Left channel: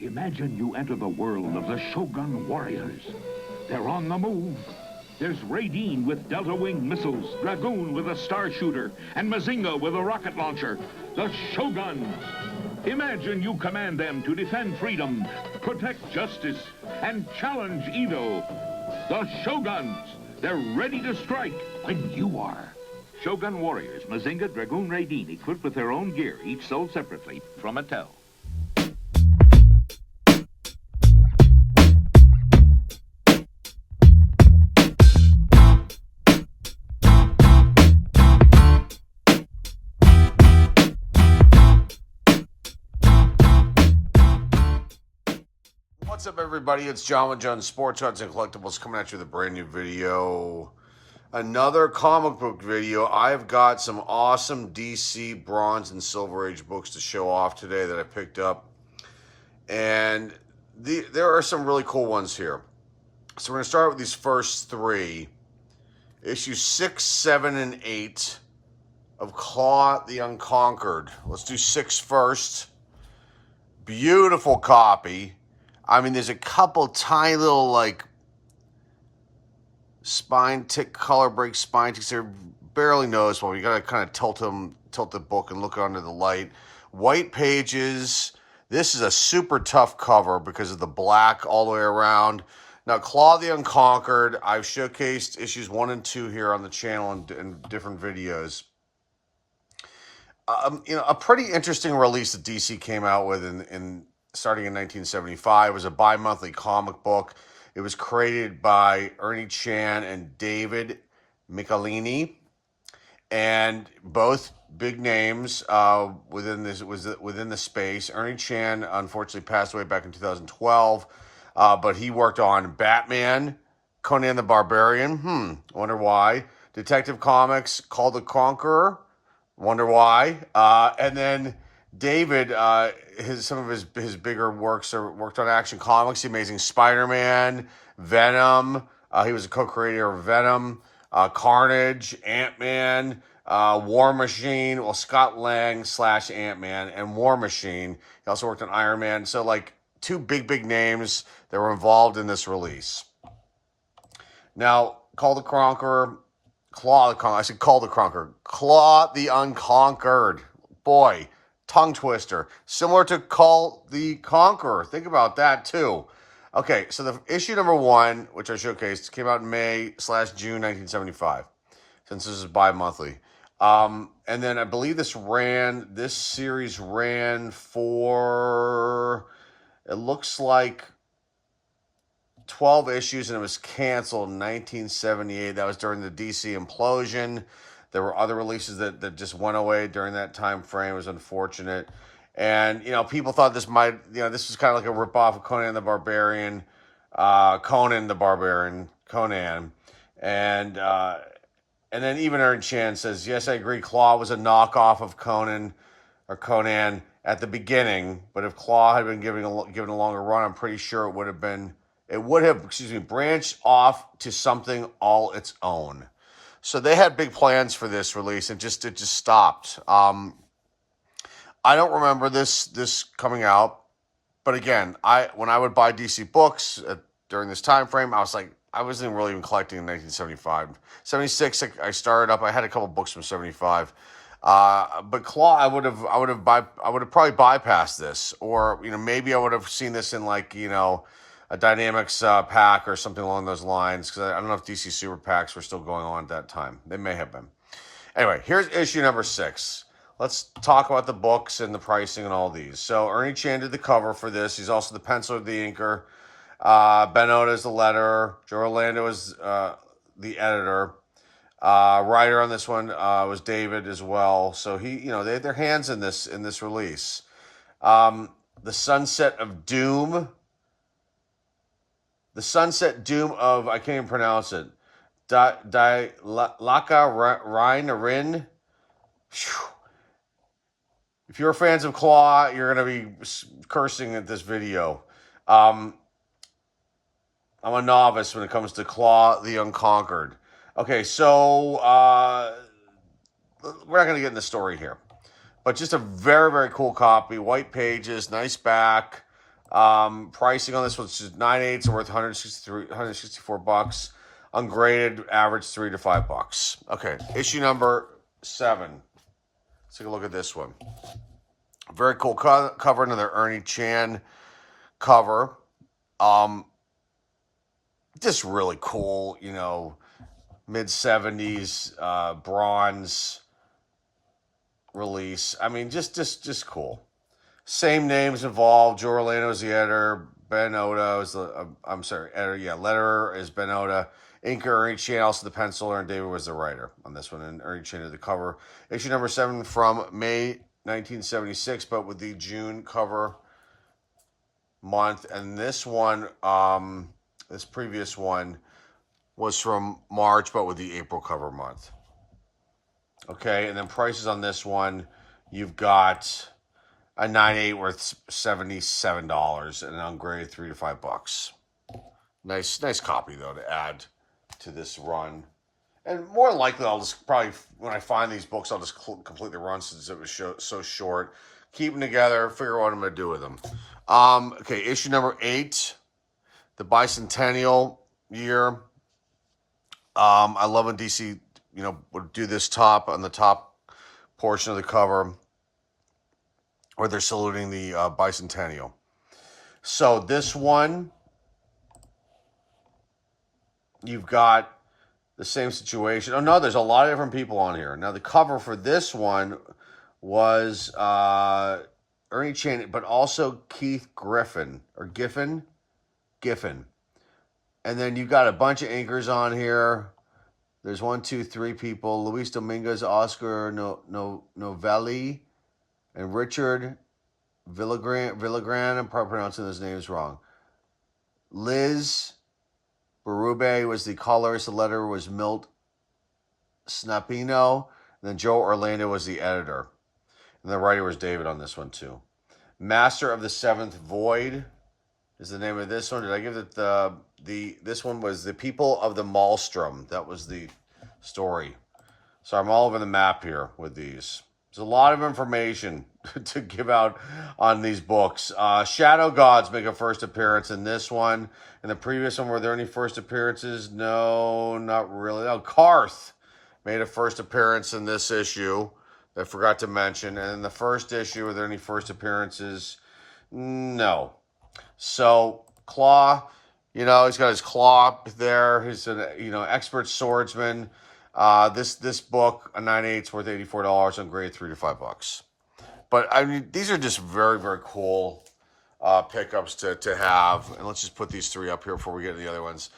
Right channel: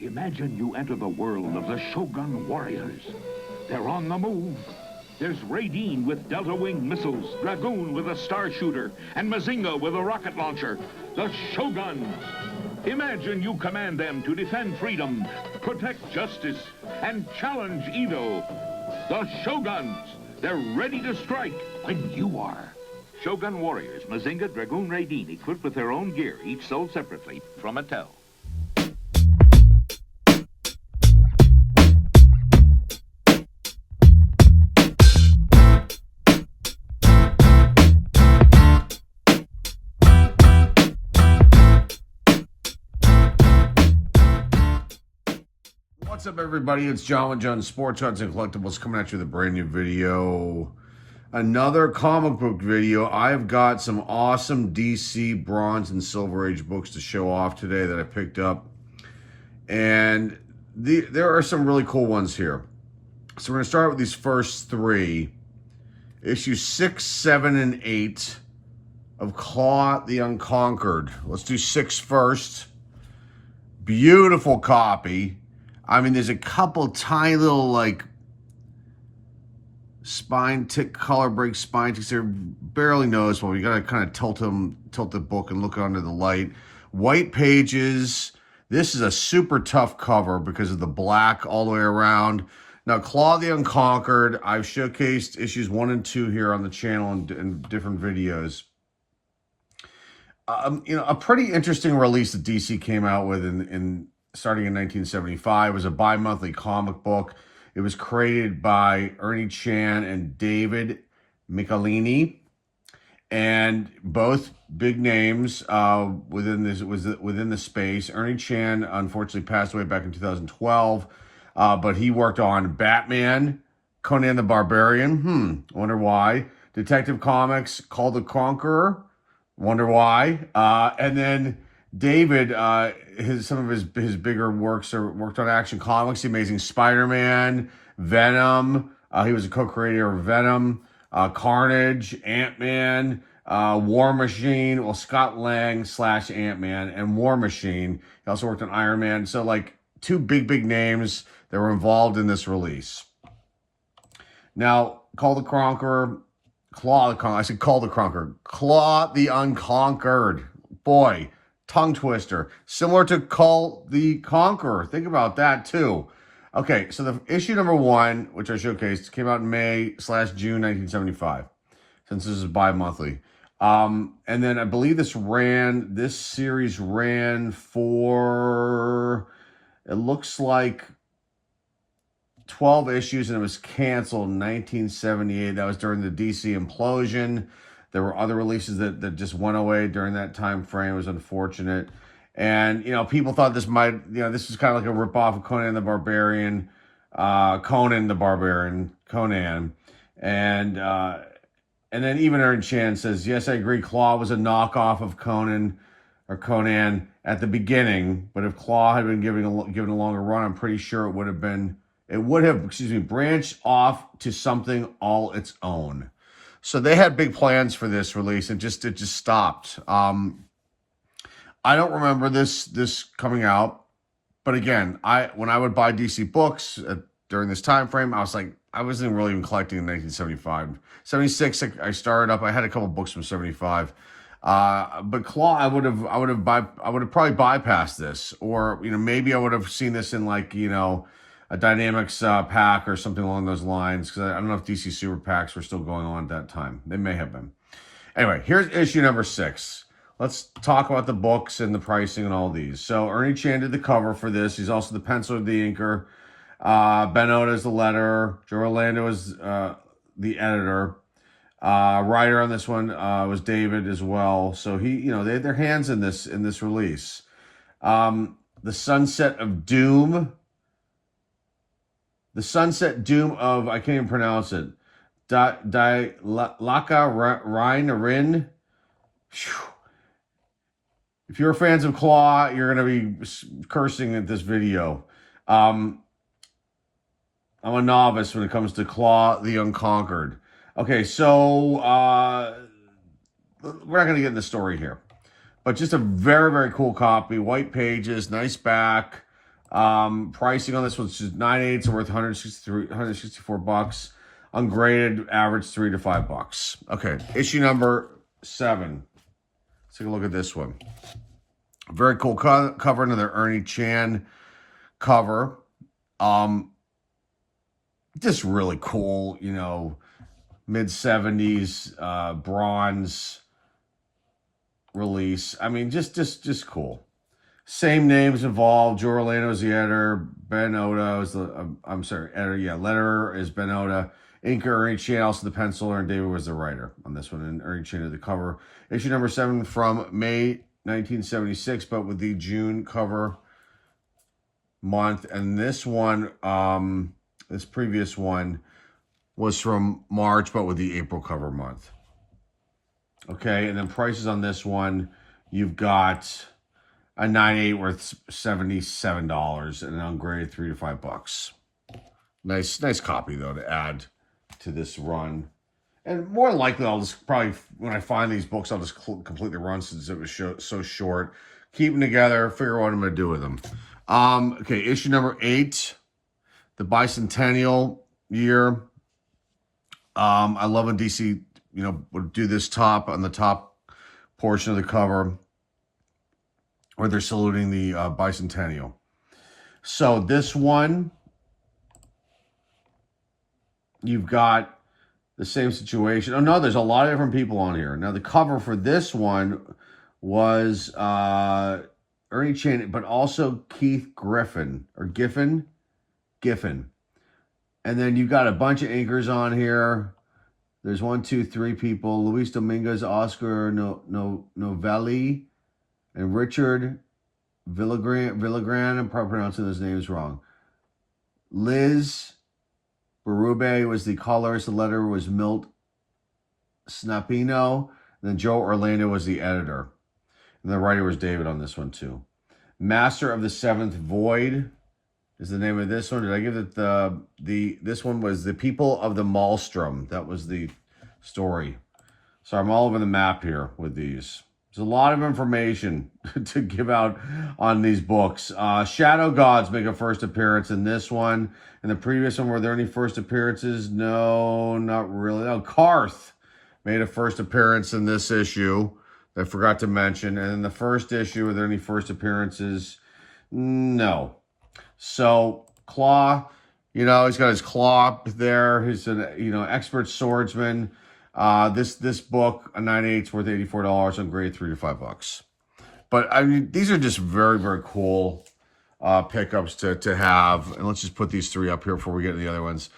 Imagine you enter the world of the Shogun warriors. They're on the move. There's Raideen with Delta Wing missiles, Dragoon with a star shooter, and Mazinga with a rocket launcher. The Shoguns. Imagine you command them to defend freedom, protect justice, and challenge evil. The Shoguns. They're ready to strike when you are. Shogun warriors, Mazinga, Dragoon, Raideen, equipped with their own gear, each sold separately from Mattel. What's up, everybody? It's John with Jones Sports Cards and Collectibles coming at you with a brand new video. Another comic book video. I've got some awesome DC Bronze and Silver Age books to show off today that I picked up. And there are some really cool ones here. So we're going to start with these first three. Issues 6, 7, and 8 of Claw the Unconquered. Let's do 6 first. Beautiful copy. I mean, there's a couple tiny little, like, spine tick, color break spine ticks. They're barely noticeable. You got to kind of tilt the book and look under the light. White pages. This is a super tough cover because of the black all the way around. Now, Claw the Unconquered, I've showcased issues 1 and 2 here on the channel in different videos. You know, a pretty interesting release that DC came out with starting in 1975. It was a bi-monthly comic book. It was created by Ernie Chan and David Michelini, and both big names within the space. Ernie Chan unfortunately passed away back in 2012, but he worked on Batman, Conan the Barbarian. Wonder why. Detective Comics, Call the Conqueror. Wonder why. And then David, some of his bigger works worked on Action Comics, The Amazing Spider-Man, Venom. He was a co-creator of Venom, Carnage, Ant-Man, War Machine. Well, Scott Lang / Ant-Man and War Machine. He also worked on Iron Man. So, like, two big names that were involved in this release. Now, Call the Conqueror, Claw the Unconquered. Boy, tongue twister. Similar to Call the Conqueror. Think about that, too. Okay, so the issue number 1, which I showcased, came out in May/June 1975, since this is bi-monthly. And then I believe this series ran for, it looks like 12 issues, and it was canceled in 1978. That was during the DC implosion. There were other releases that just went away during that time frame. It was unfortunate. And, you know, people thought this this was kind of like a ripoff of Conan the Barbarian. And then even Ern Chan says, yes, I agree, Claw was a knockoff of Conan at the beginning. But if Claw had been given a longer run, I'm pretty sure it would have branched off to something all its own. So they had big plans for this release, and it just stopped. I don't remember this coming out, but again, when I would buy DC books during this time frame, I wasn't really even collecting in 1975. 76, I started up. I had a couple books from 75, but Claw, I would have probably bypassed this, or maybe I would have seen this in a Dynamics pack or something along those lines, because I don't know if DC Super Packs were still going on at that time. They may have been. Anyway, here's issue number 6. Let's talk about the books and the pricing and all these. So Ernie Chan did the cover for this. He's also the penciler, the inker. Ben Oda is the letterer. Joe Orlando is the editor. Writer on this one was David as well. So they had their hands in this release. The Sunset Doom of, I can't even pronounce it, Laka Rin. If you're fans of Claw, you're going to be cursing at this video. I'm a novice when it comes to Claw the Unconquered. Okay, so we're not going to get in the story here. But just a very, very cool copy. White pages, nice back. Pricing on this one's just 9/8, worth $164. Ungraded, average $3 to $5. Okay, issue number 7. Let's take a look at this one. Very cool cover, another Ernie Chan cover. Just really cool, you know, mid-70s bronze release. I mean, just cool. Same names involved. Joe Orlando's the editor. Ben Oda is the, editor. Yeah, letterer is Ben Oda. Inker, Ernie Chan, also the penciler, and David was the writer on this one. And Ernie Chan did the cover. Issue number 7 from May 1976, but with the June cover month. And this one, this previous one was from March, but with the April cover month. Okay, and then prices on this one, you've got a 9/8 worth $77 and an ungraded $3 to $5. Nice copy though to add to this run. And more likely, I'll just probably, when I find these books, I'll just complete the run since it was so short. Keep them together, figure out what I'm going to do with them. Okay, issue number 8, the bicentennial year. I love when DC, you know, would do this on the top portion of the cover, where they're saluting the bicentennial. So this one, you've got the same situation. Oh no, there's a lot of different people on here. Now the cover for this one was Ernie Chan, but also Keith Giffen. And then you've got a bunch of anchors on here. There's 1, 2, 3 people. Luis Dominguez, Oscar Novelli, and Richard Villagran. I'm probably pronouncing those names wrong. Liz Berube was the colorist. The letter was Milt Snapino. And then Joe Orlando was the editor. And the writer was David on this one too. Master of the Seventh Void is the name of this one. Did I give it this one was The People of the Maelstrom. That was the story. So I'm all over the map here with these. There's a lot of information to give out on these books. Shadow Gods make a first appearance in this one. In the previous one, were there any first appearances? No, not really. Oh, Karth made a first appearance in this issue. I forgot to mention. And in the first issue, were there any first appearances? No. So, Claw, you know, he's got his claw there. He's an, you know, expert swordsman. This book, a 9/8, worth $84, on grade $3 to $5. But I mean, these are just very, very cool pickups to have. And let's just put these 3 up here before we get to the other ones.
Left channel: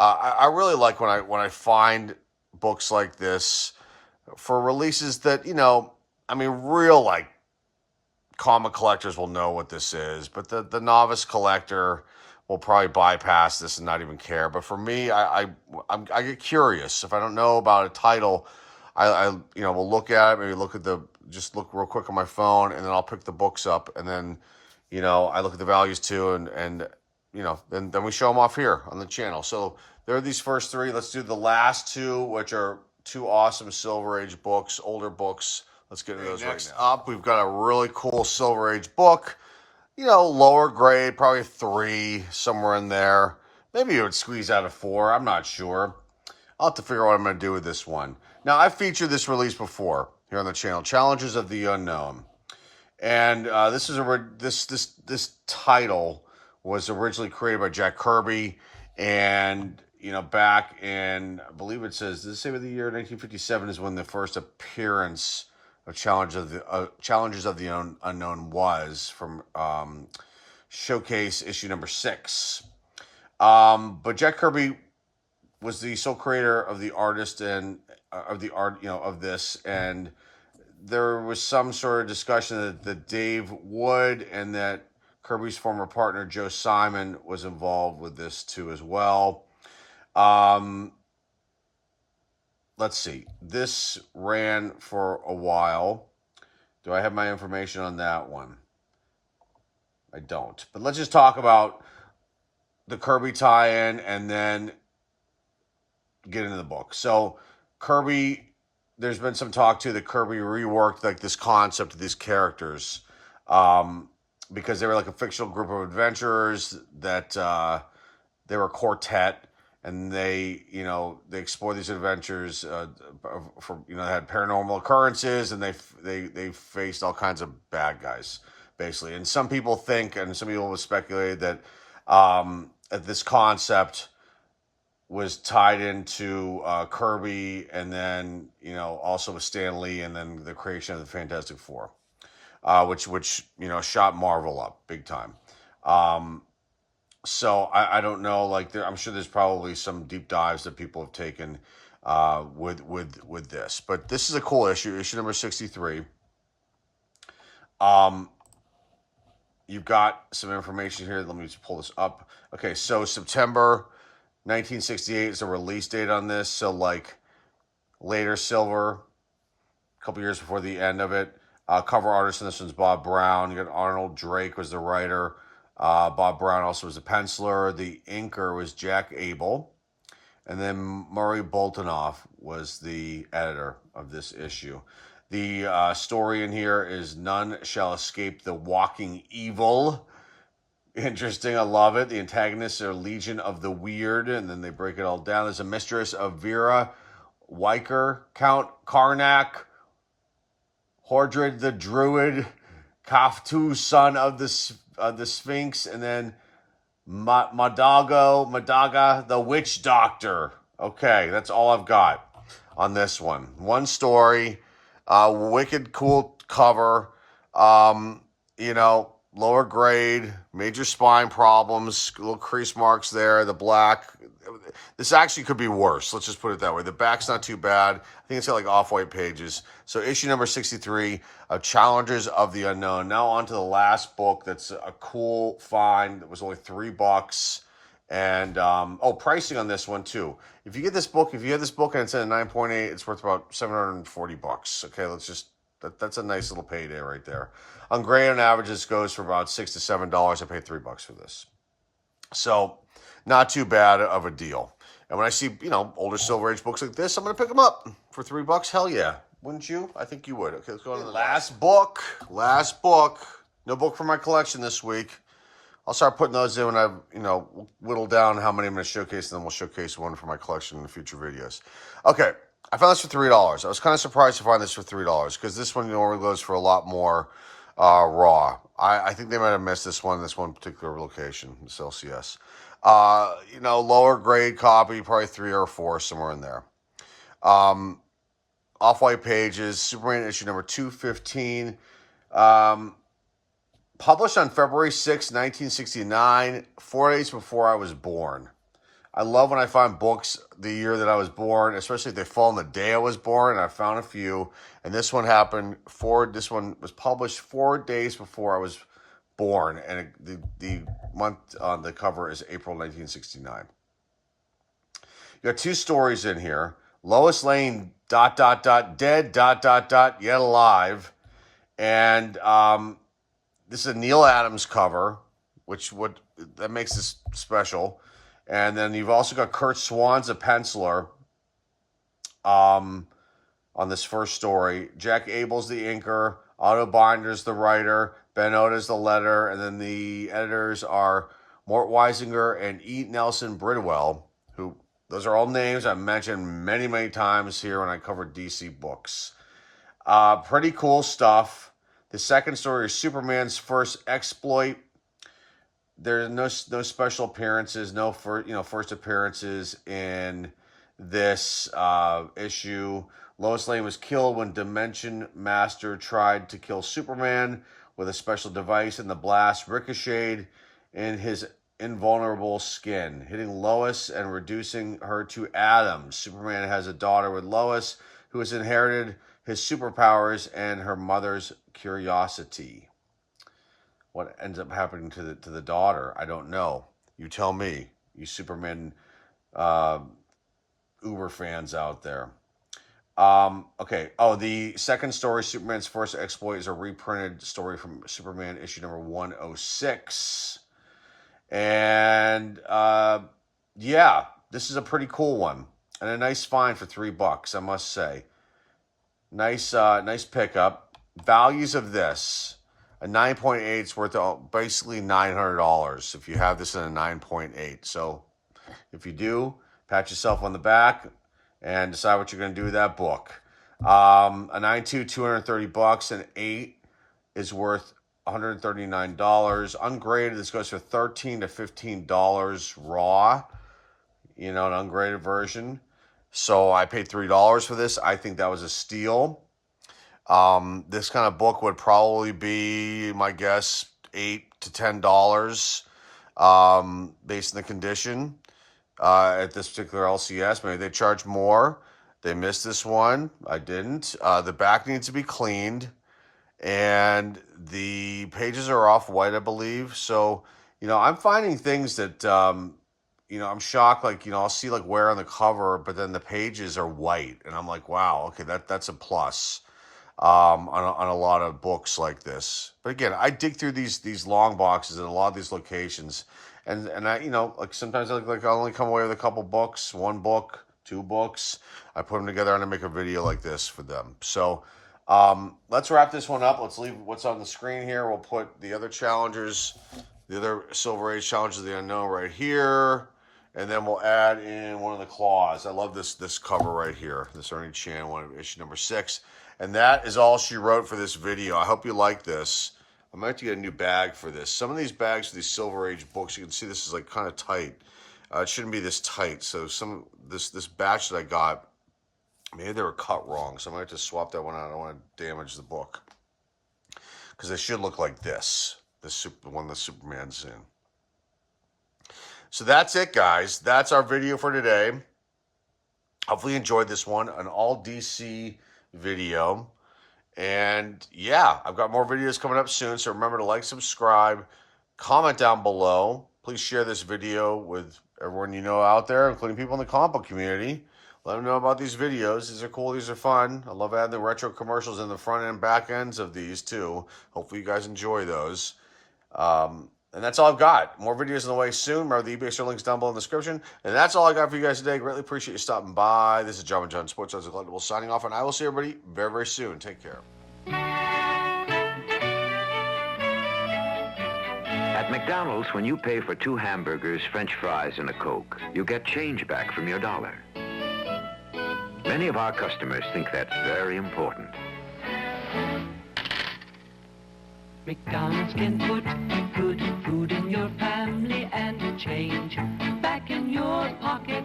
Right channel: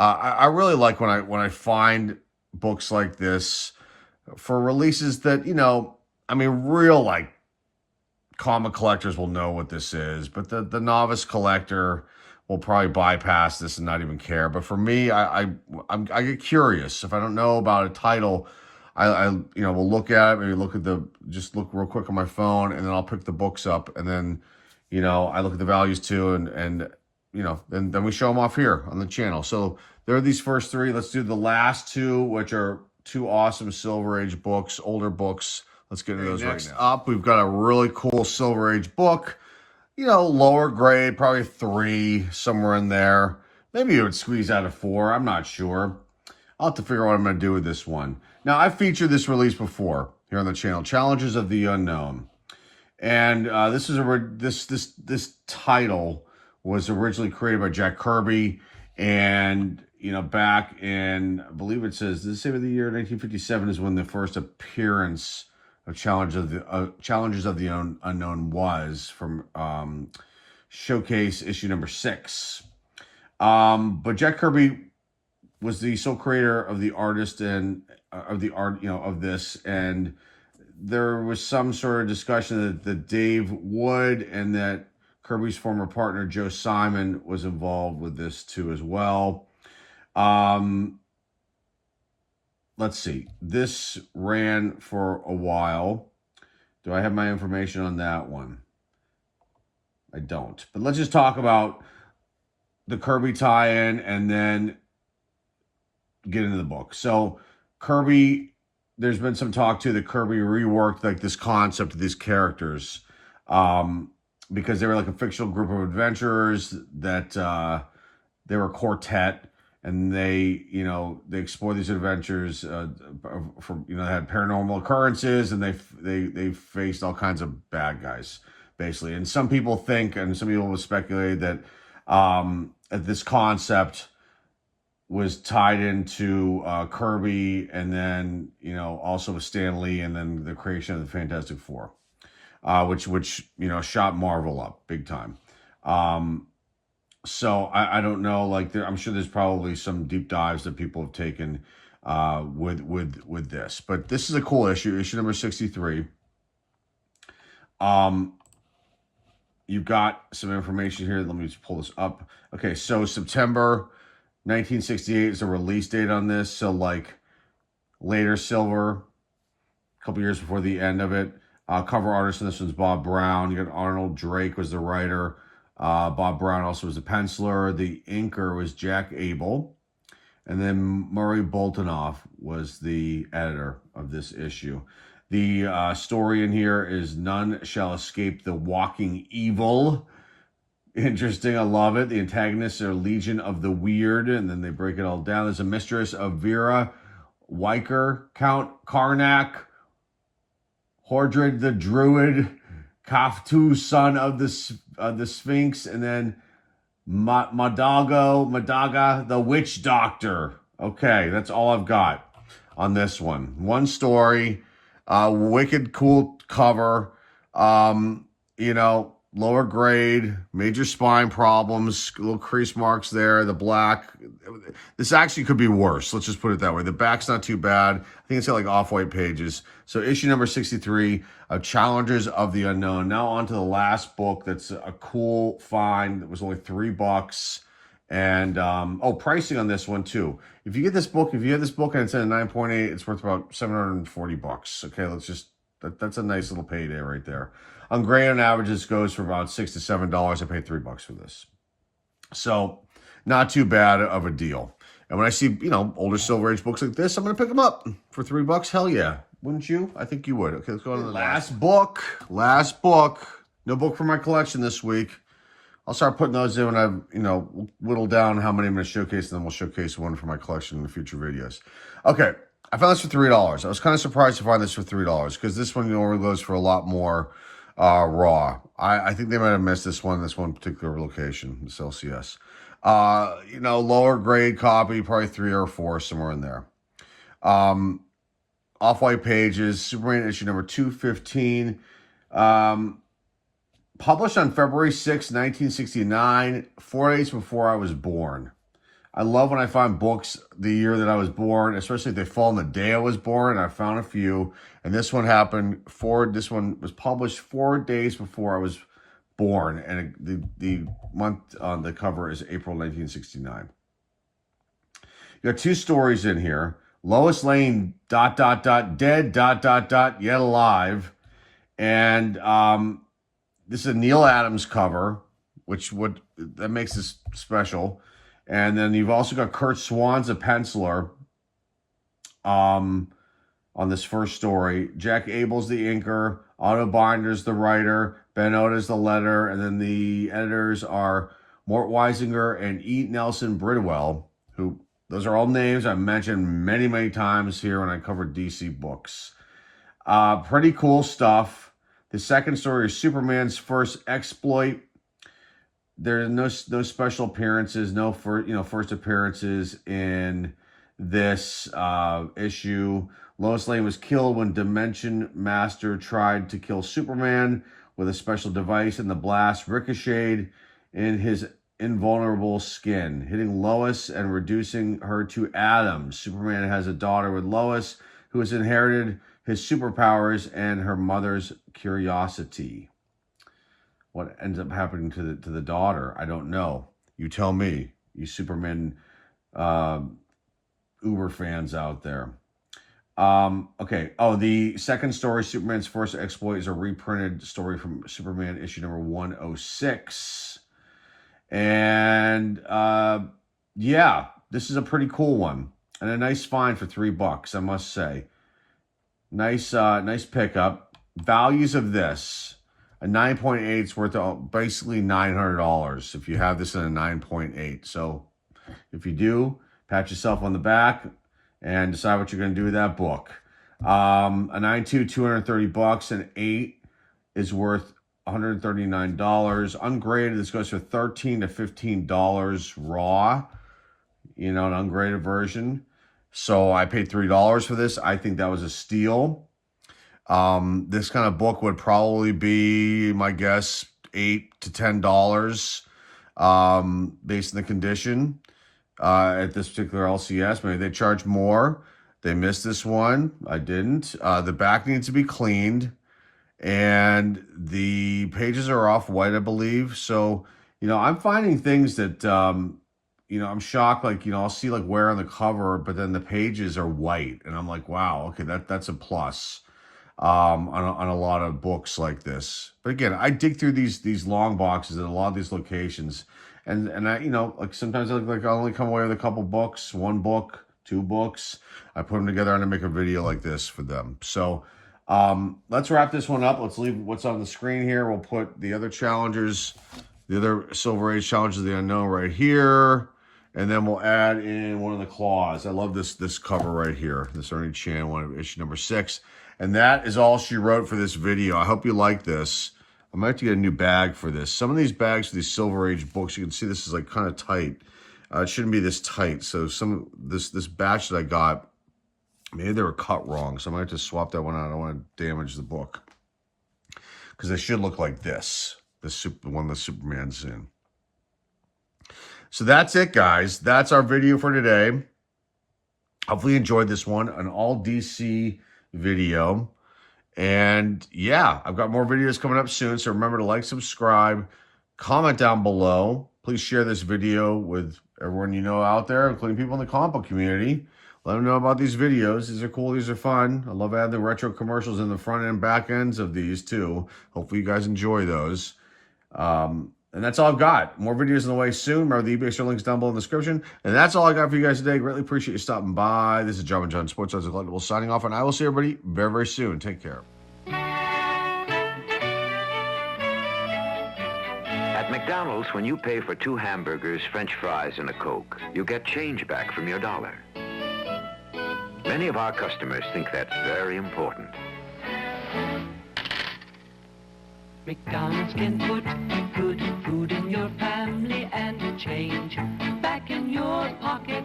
I really like when I find books like this for releases that, you know, I mean, real like comic collectors will know what this is, but the novice collector will probably bypass this and not even care. But for me, I get curious. If I don't know about a title, I you know, will look at it, maybe look real quick on my phone, and then I'll pick the books up, and then, you know, I look at the values too, and you know, then we show them off here on the channel. So there are these first 3. Let's do the last 2, which are 2 awesome Silver Age books, older books. Let's get into those right now. Up, we've got a really cool Silver Age book. You know, lower grade, probably 3, somewhere in there. Maybe it would squeeze out a 4. I'm not sure. I'll have to figure out what I'm going to do with this one. Now, I've featured this release before here on the channel, Challenges of the Unknown. And this title was originally created by Jack Kirby. And, you know, back in, I believe it says, does it say what the year 1957 is when the first appearance of Challenges of the Unknown was, from Showcase issue number 6. But Jack Kirby was the sole creator of the artist and of the art, you know, of this, and there was some sort of discussion that Dave Wood and that Kirby's former partner Joe Simon was involved with this too as well. Let's see. This ran for a while. Do I have my information on that one? I don't. But let's just talk about the Kirby tie-in and then get into the book. So Kirby, there's been some talk too that Kirby reworked like this concept of these characters because they were like a fictional group of adventurers that they were a quartet, and they explored these adventures from they had paranormal occurrences, and they faced all kinds of bad guys basically. And some people think, and some people have speculated that this concept was tied into Kirby, and then also with Stan Lee, and then the creation of the Fantastic Four, which shot Marvel up big time. So I don't know, like I'm sure there's probably some deep dives that people have taken with this, but this is a cool issue number 63. You've got some information here. Let me just pull this up. Okay, so September 1968 is the release date on this. So like later silver, a couple years before the end of it. Cover artist in this one's Bob Brown. You got Arnold Drake was the writer. Bob Brown also was the penciler. The inker was Jack Abel. And then Murray Boltinoff was the editor of this issue. The story in here is None Shall Escape the Walking Evil. Interesting, I love it. The antagonists are Legion of the Weird, and then they break it all down. There's a mistress of Vera Weicker, Count Karnak, Hordred the Druid, Kaftu, son of the Sphinx, and then Madaga, the Witch Doctor. Okay, that's all I've got on this one. One story, wicked cool cover, lower grade, major spine problems, little crease marks there, the black. This actually could be worse. Let's just put it that way. The back's not too bad. I think it's got like off-white pages. So issue number 63 of Challengers of the Unknown. Now on to the last book. That's a cool find. It was only $3. And, pricing on this one too. If you get this book, and it's at a 9.8, it's worth about $740. Okay, that's a nice little payday right there. On Gray on average, this goes for about $6 to $7. I paid $3 for this. So not too bad of a deal. And when I see, older Silver Age books like this, I'm going to pick them up for $3. Hell yeah. Wouldn't you? I think you would. Okay, let's go on to the last book. Last book. No book for my collection this week. I'll start putting those in when I've, whittled down how many I'm going to showcase, and then we'll showcase one for my collection in the future videos. Okay, I found this for $3. I was kind of surprised to find this for $3 because this one normally goes for a lot more raw. I think they might have missed this one particular location, this LCS. Lower grade copy, probably 3 or 4, somewhere in there. Off-white pages, Superman issue number 215. Published on February 6, 1969, 4 days before I was born. I love when I find books the year that I was born, especially if they fall on the day I was born, and I found a few. And this one happened, this one was published 4 days before I was born, and the month on the cover is April 1969. You got 2 stories in here. Lois Lane, ... dead, ... yet alive. And this is a Neil Adams cover, that makes this special. And then you've also got Kurt Swan's a penciler on this first story. Jack Abel's the inker. Otto Binder's the writer. Ben Oda's the letter. And then the editors are Mort Weisinger and E. Nelson Bridwell, who, those are all names I've mentioned many, many times here when I covered DC books. Pretty cool stuff. The second story is Superman's first exploit. There are no special appearances, no first appearances in this issue. Lois Lane was killed when Dimension Master tried to kill Superman with a special device, and the blast ricocheted in his invulnerable skin, hitting Lois and reducing her to atoms. Superman has a daughter with Lois who has inherited his superpowers and her mother's curiosity. What ends up happening to the daughter, I don't know. You tell me, you Superman Uber fans out there. Okay. Oh, the second story, Superman's first exploit, is a reprinted story from Superman issue number 106. And yeah, this is a pretty cool one and a nice find for $3, I must say. Nice pickup. Values of this. A 9.8 is worth basically $900 if you have this in a 9.8. So if you do, pat yourself on the back and decide what you're going to do with that book. A 9.2, $230. An 8 is worth $139. Ungraded, this goes for $13 to $15 raw. You know, an ungraded version. So I paid $3 for this. I think that was a steal. This kind of book would probably be, my guess, $8 to $10 based on the condition at this particular LCS. Maybe they charge more. They missed this one. I didn't. The back needs to be cleaned. And the pages are off-white, I believe. So, you know, I'm finding things that, you know, I'm shocked. Like, you know, I'll see like wear on the cover, but then the pages are white. And I'm like, wow, okay, that's a plus. On a lot of books like this. But again, I dig through these long boxes at a lot of these locations, and I, you know, like sometimes I only come away with a couple books, one book, two books. I put them together and I make a video like this for them. So let's wrap this one up. Let's leave what's on the screen here. We'll put the other challengers, the other Silver Age challenges of the unknown right here. And then we'll add in one of the claws. I love this cover right here. This Ernie Chan one, issue number 6. And that is all she wrote for this video. I hope you like this. I might have to get a new bag for this. Some of these bags for these Silver Age books, you can see this is like kind of tight. It shouldn't be this tight. So this batch that I got, maybe they were cut wrong. So I might have to swap that one out. I don't want to damage the book. Because they should look like this. The one that Superman's in. So that's it, guys. That's our video for today. Hopefully you enjoyed this one. An all DC video. And yeah, I've got more videos coming up soon. So remember to like, subscribe, comment down below. Please share this video with everyone you know out there, including people in the comic book community. Let them know about these videos. These are cool. These are fun. I love adding the retro commercials in the front and back ends of these too. Hopefully you guys enjoy those. And that's all I've got. More videos on the way soon. Remember, the eBay store links down below in the description. And that's all I got for you guys today. Greatly appreciate you stopping by. This is John Sports Odds Collectibles signing off, and I will see everybody very, very soon. Take care. At McDonald's, when you pay for 2 hamburgers, French fries, and a Coke, you get change back from your dollar. Many of our customers think that's very important. McDonald's can put good food in your family and change back in your pocket.